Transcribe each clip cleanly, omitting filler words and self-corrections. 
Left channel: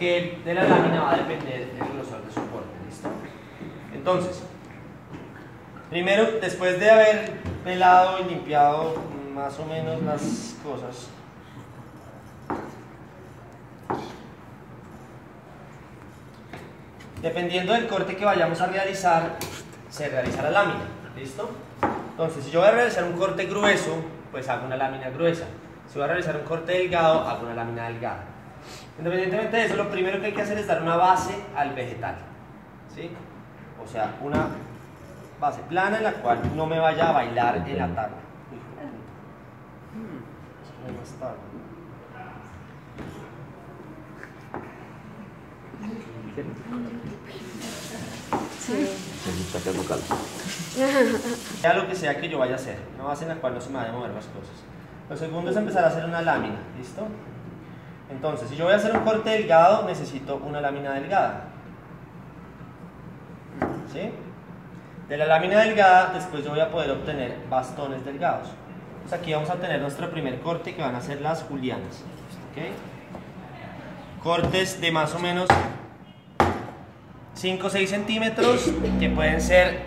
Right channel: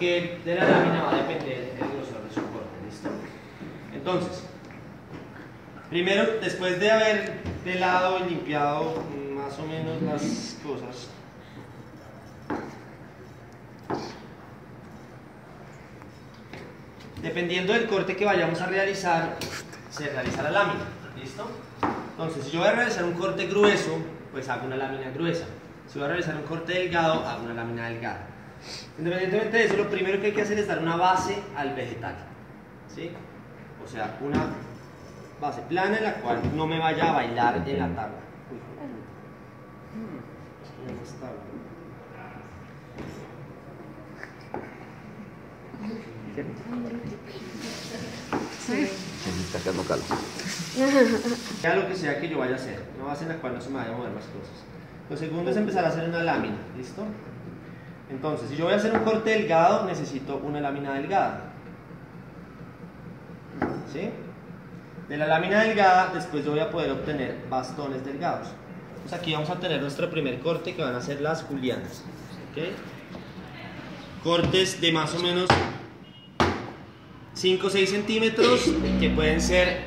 porque de la lámina va a depender el grosor de su corte. ¿Listo? Entonces, primero, después de haber pelado y limpiado más o menos las cosas, dependiendo del corte que vayamos a realizar, se realiza la lámina. ¿Listo? Entonces, si yo voy a realizar un corte grueso, pues hago una lámina gruesa. Si voy a realizar un corte delgado, hago una lámina delgada. Independientemente de eso, lo primero que hay que hacer es dar una base al vegetal. ¿Sí? O sea, una base plana en la cual no me vaya a bailar en la tabla. Está quedando calmo. Sea lo que sea que yo vaya a hacer, una base en la cual no se me vayan a mover las cosas. Lo segundo es empezar a hacer una lámina. ¿Listo? Entonces, si yo voy a hacer un corte delgado, necesito una lámina delgada. ¿Sí? De la lámina delgada, después yo voy a poder obtener bastones delgados. Entonces aquí vamos a obtener nuestro primer corte, que van a ser las julianas. ¿Okay? Cortes de más o menos 5 o 6 centímetros, que pueden ser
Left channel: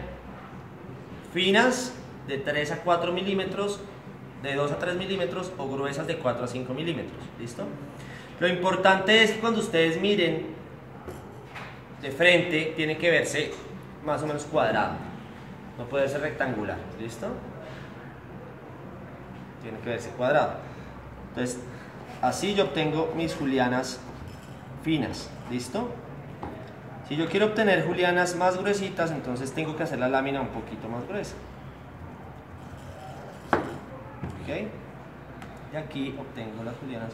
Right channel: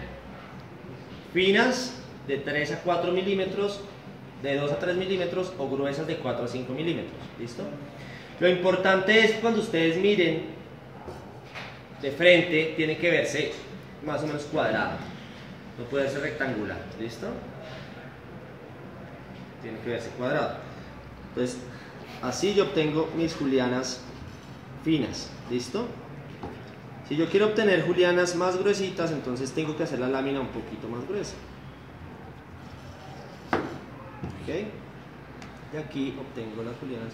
finas de 3 a 4 milímetros, de 2 a 3 milímetros, o gruesas de 4 a 5 milímetros. ¿Listo? Lo importante es que cuando ustedes miren de frente, tiene que verse más o menos cuadrado, no puede ser rectangular. ¿Listo? Tiene que verse cuadrado. Entonces, así yo obtengo mis julianas finas. ¿Listo? Si yo quiero obtener julianas más gruesitas, entonces tengo que hacer la lámina un poquito más gruesa. ¿Ok? Y aquí obtengo las julianas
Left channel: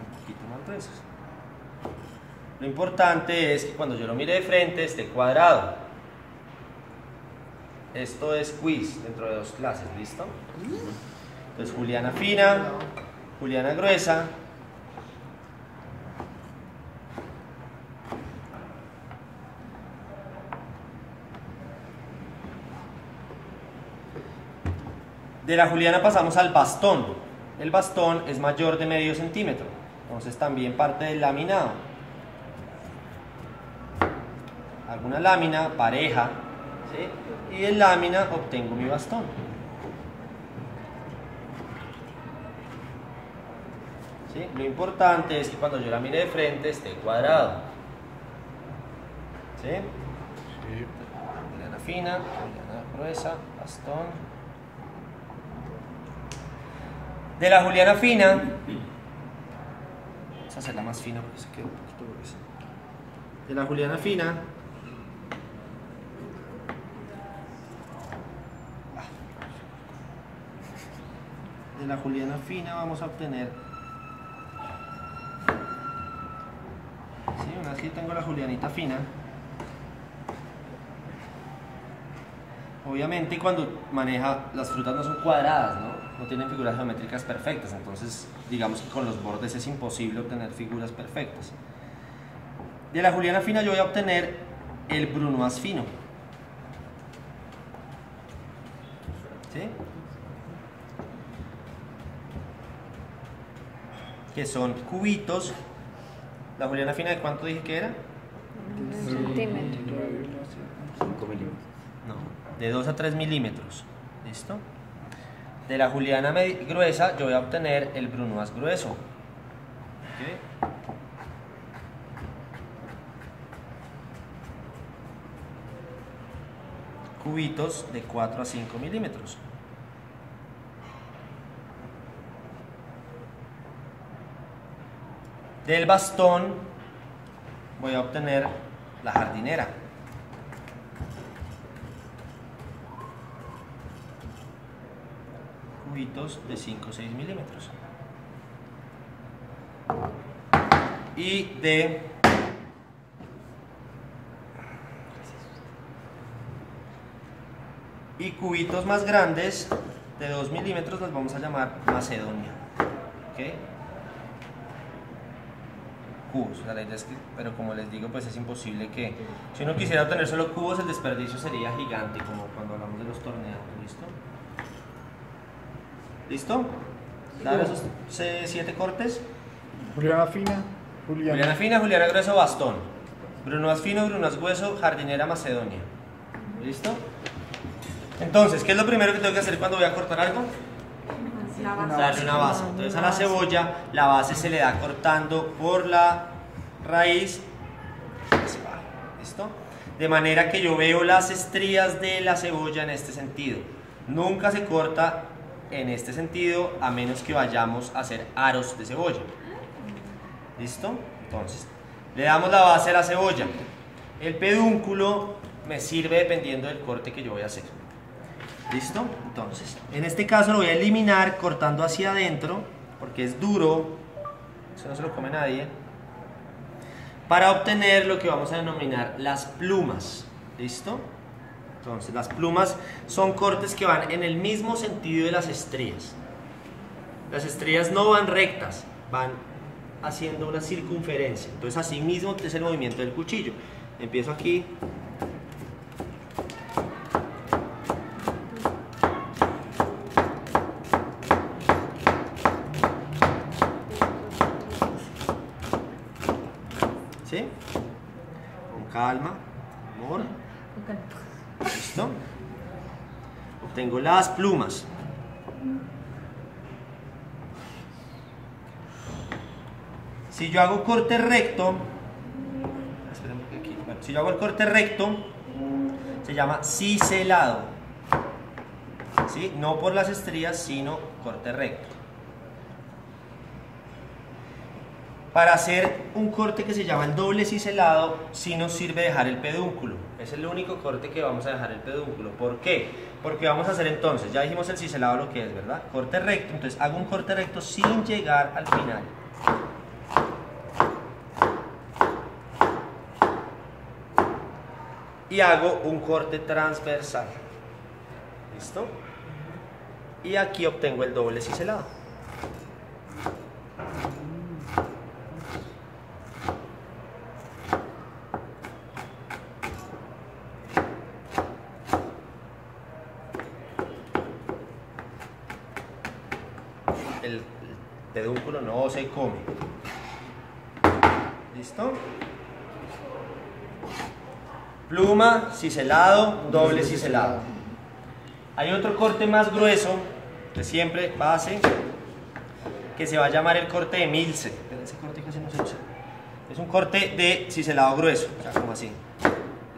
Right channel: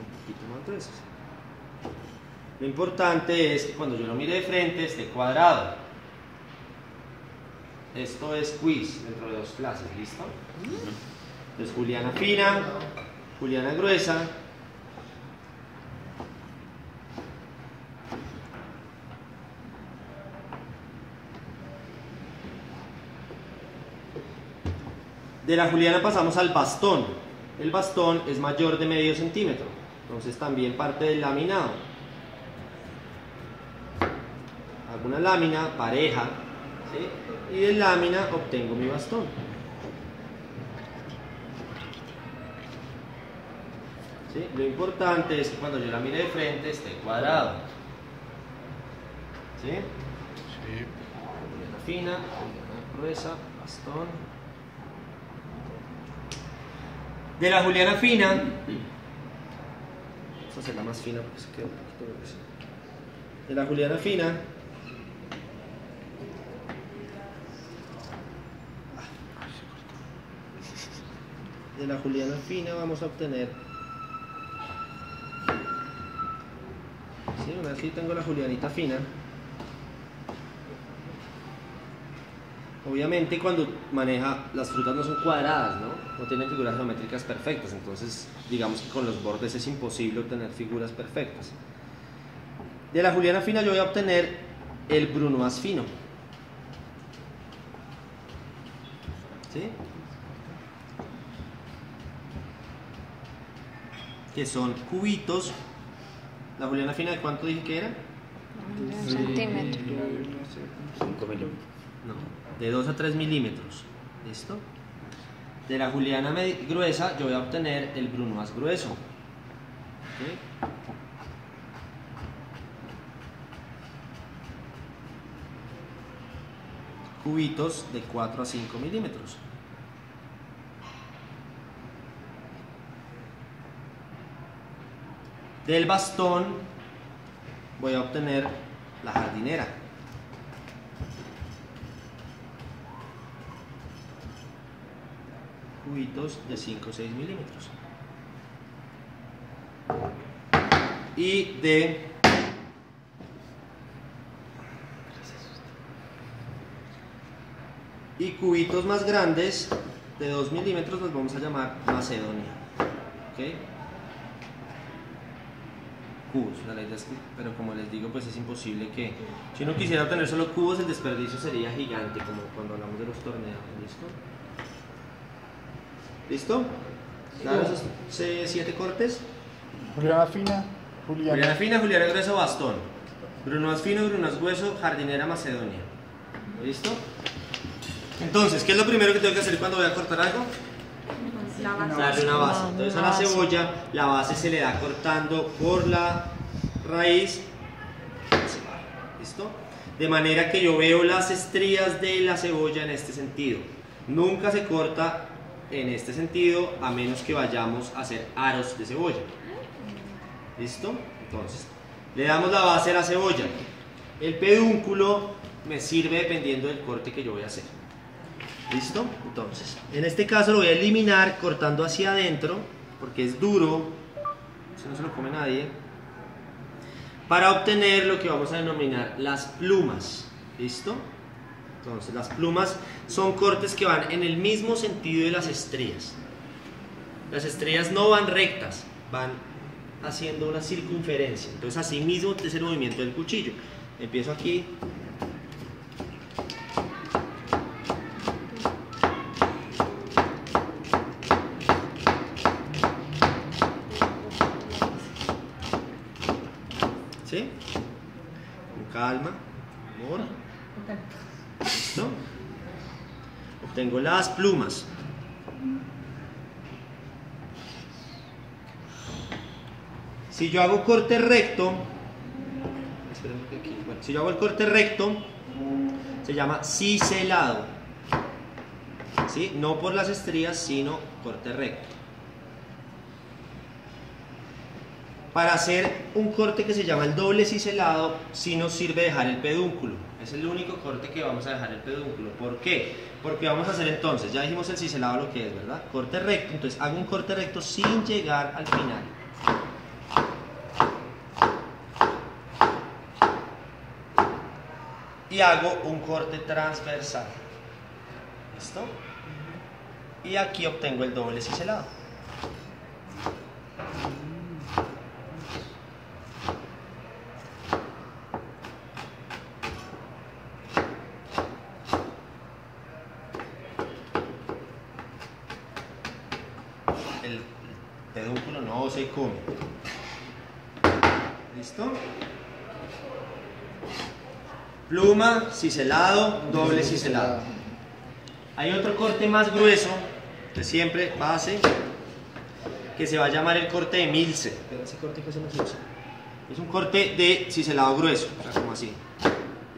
un poquito más gruesas. Lo importante es que cuando yo lo mire de frente esté cuadrado. Esto es quiz dentro de 2 clases. ¿Listo? Entonces, juliana fina, juliana gruesa. De la juliana pasamos al bastón. El bastón es mayor de medio centímetro, entonces también parte del laminado. Hago una lámina pareja, ¿sí? Y de lámina obtengo mi bastón. ¿Sí? Lo importante es que cuando yo la mire de frente esté cuadrado. ¿Sí? Sí. Juliana fina, juliana gruesa, bastón. De la juliana fina, vamos a hacerla más fina porque se queda un poquito gruesa. De la juliana fina, vamos a obtener, ¿sí? Una vez que tengo la julianita fina, obviamente cuando maneja, las frutas no son cuadradas, ¿no? No tienen figuras geométricas perfectas, entonces digamos que con los bordes es imposible obtener figuras perfectas. De la juliana fina yo voy a obtener el brunoise fino. ¿Sí? Que son cubitos. ¿La juliana fina de cuánto dije que era? Un centímetro. 5 milímetros. No, de 2 a 3 milímetros. ¿Listo? De la juliana gruesa yo voy a obtener el brunoise grueso. ¿Okay? Cubitos de 4 a 5 milímetros. Del bastón voy a obtener la jardinera. Cubitos de 5 o 6 milímetros. Y cubitos más grandes de 2 milímetros los vamos a llamar macedonia. ¿Okay? Cubos, o sea, la idea es que, pero como les digo, pues es imposible que, si uno quisiera tener solo cubos, el desperdicio sería gigante, como cuando hablamos de los torneos. ¿Listo? ¿Listo? ¿Damos esos 7 cortes? Juliana fina, Juliana fina, Juliana grueso, bastón. Bruno es fino, Bruno es grueso, jardinera, macedonia. ¿Listo? Entonces, ¿qué es lo primero que tengo que hacer cuando voy a cortar algo? Darle una base. Entonces a la cebolla, la base se le da cortando por la raíz. ¿Listo? De manera que yo veo las estrías de la cebolla en este sentido. Nunca se corta en este sentido a menos que vayamos a hacer aros de cebolla. ¿Listo? Entonces, le damos la base a la cebolla. El pedúnculo me sirve dependiendo del corte que yo voy a hacer. ¿Listo? Entonces, en este caso lo voy a eliminar cortando hacia adentro, porque es duro, eso no se lo come nadie, para obtener lo que vamos a denominar las plumas. ¿Listo? Entonces, las plumas son cortes que van en el mismo sentido de las estrías. Las estrías no van rectas, van haciendo una circunferencia. Entonces, así mismo es el movimiento del cuchillo. Empiezo aquí. ¿Sí? Con calma, amor. ¿Listo? Obtengo las plumas. Si yo hago corte recto, si yo hago el corte recto, se llama ciselado. ¿Sí? No por las estrías, sino corte recto. Para hacer un corte que se llama el doble ciselado, sí nos sirve dejar el pedúnculo. Es el único corte que vamos a dejar el pedúnculo. ¿Por qué? Porque vamos a hacer entonces, ya dijimos el ciselado lo que es, ¿verdad? Corte recto, entonces hago un corte recto sin llegar al final. Y hago un corte transversal. ¿Listo? Y aquí obtengo el doble ciselado. El pedúnculo no se come. ¿Listo? Pluma, ciselado, doble ciselado. Hay otro corte más grueso, que siempre base, que se va a llamar el corte de Milce. Pero ese corte casi no se usa. Es un corte de ciselado grueso, como así.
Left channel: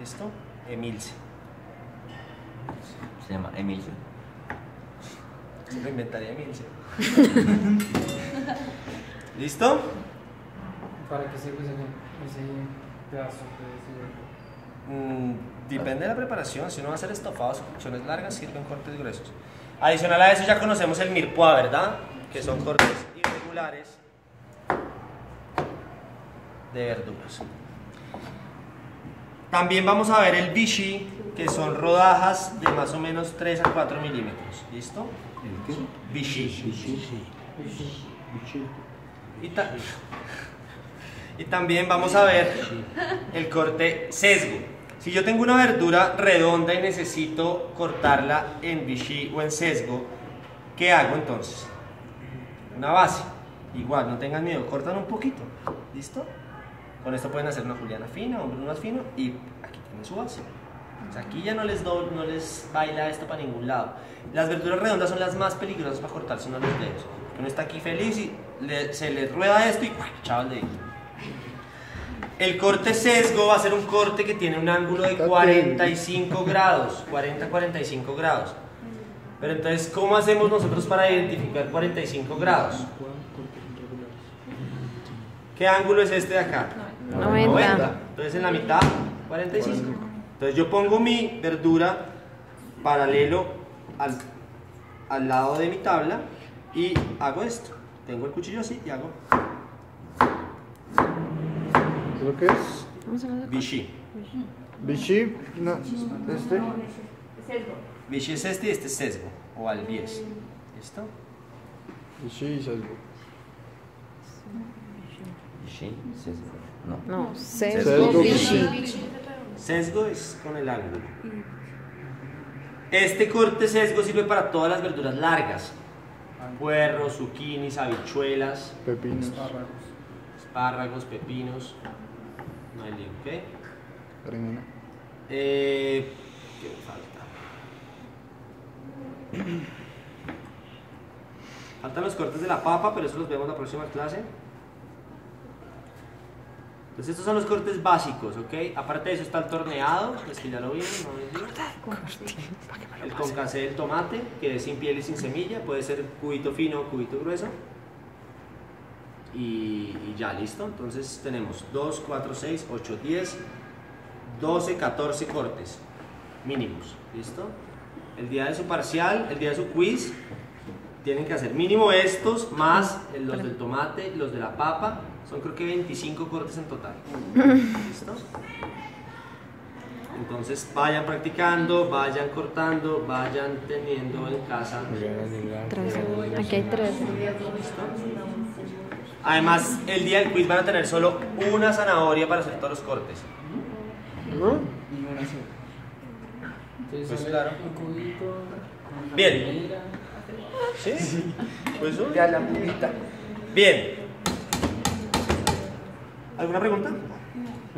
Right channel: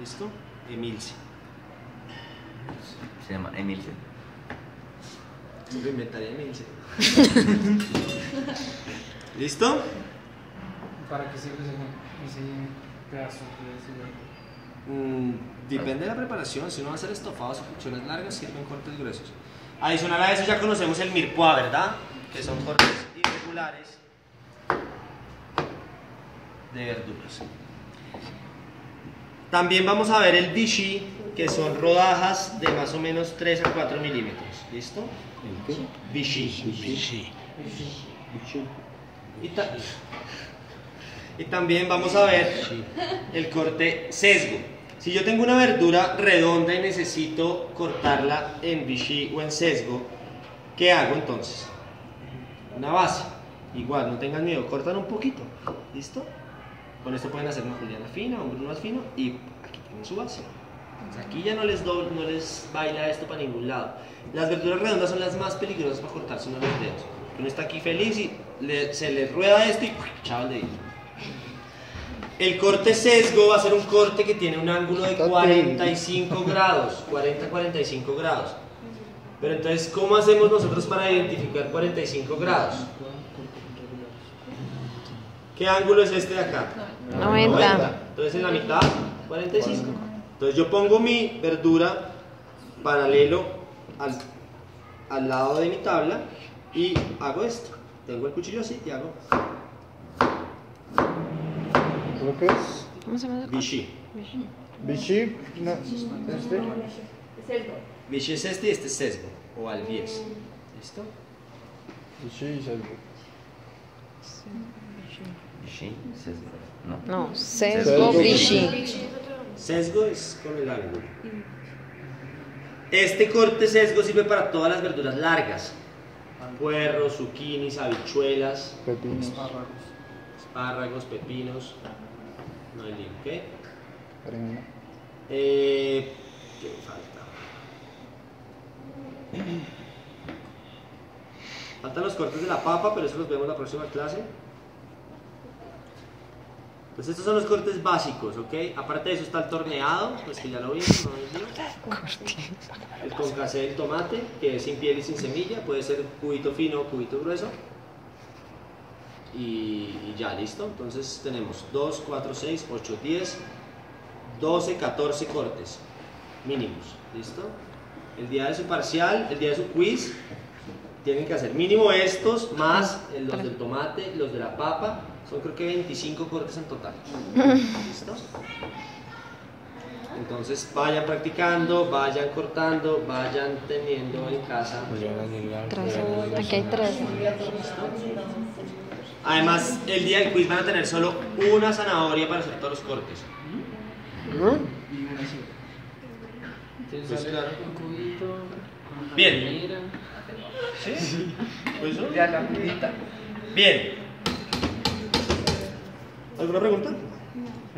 ¿Listo? Emilce. Se llama Emilce. Lo inventaría Emilce. ¿Listo? ¿Para qué sirve ese pedazo? Depende de la preparación. Si uno va a hacer estofados o cocciones largas, sirven cortes gruesos. Adicional a eso ya conocemos el mirepoix, ¿verdad? Que son cortes irregulares de verduras. También vamos a ver el vichy, que son rodajas de más o menos 3 a 4 milímetros. ¿Listo? Vichy. Y también vamos a ver el corte sesgo. Si yo tengo una verdura redonda y necesito cortarla en vichy o en sesgo, ¿qué hago entonces? Una base. Igual, no tengan miedo, cortan un poquito. ¿Listo? Con esto pueden hacer una juliana fina, un bruno más fino y aquí tienen su base. Entonces, aquí ya no les baila esto para ningún lado. Las verduras redondas son las más peligrosas para cortarse uno los dedos. Uno está aquí feliz y se le rueda esto y chava el dedito. El corte sesgo va a ser un corte que tiene un ángulo de 45 grados, 40-45 grados. Pero entonces, ¿cómo hacemos nosotros para identificar 45 grados? ¿Qué ángulo es este de acá? 90. Entonces en la mitad, 45. Entonces yo pongo mi verdura paralelo al lado de mi tabla y hago esto. Tengo el cuchillo así y hago ¿Lo que es? ¿Cómo se llama? vichy. Vichy, no, Vichy es este y este es sesgo, o albies. ¿Listo? Vichy y sesgo. Vichy, sesgo. No. No, sesgo Sesgo vichy. Sesgo es con el ángulo. Este corte sesgo sirve para todas las verduras largas. Puerros, zucchinis, habichuelas. Pepinos. espárragos, pepinos. No hay lío, ¿ok? Berenjena. ¿Qué me falta? Faltan los cortes de la papa, pero eso los vemos la próxima clase. Entonces estos son los cortes básicos, ¿ok? Aparte de eso está el torneado, pues que ya lo vimos, ¿no? El concassé del tomate, que es sin piel y sin semilla, puede ser cubito fino o cubito grueso. Y ya, listo. Entonces tenemos 2, 4, 6, 8, 10, 12, 14 cortes mínimos, ¿listo? El día de su parcial, el día de su quiz, tienen que hacer mínimo estos, más los del tomate, los de la papa. Son creo que 25 cortes en total. ¿Listo? Entonces vayan practicando, vayan cortando, vayan teniendo en casa. Aquí hay 13. Además, el día del quiz van a tener solo una zanahoria para hacer todos los cortes. Pues claro. Un cubito. Bien. ¿Sí? ¿Eso? Ya la pulita. Bien. ¿Alguna pregunta?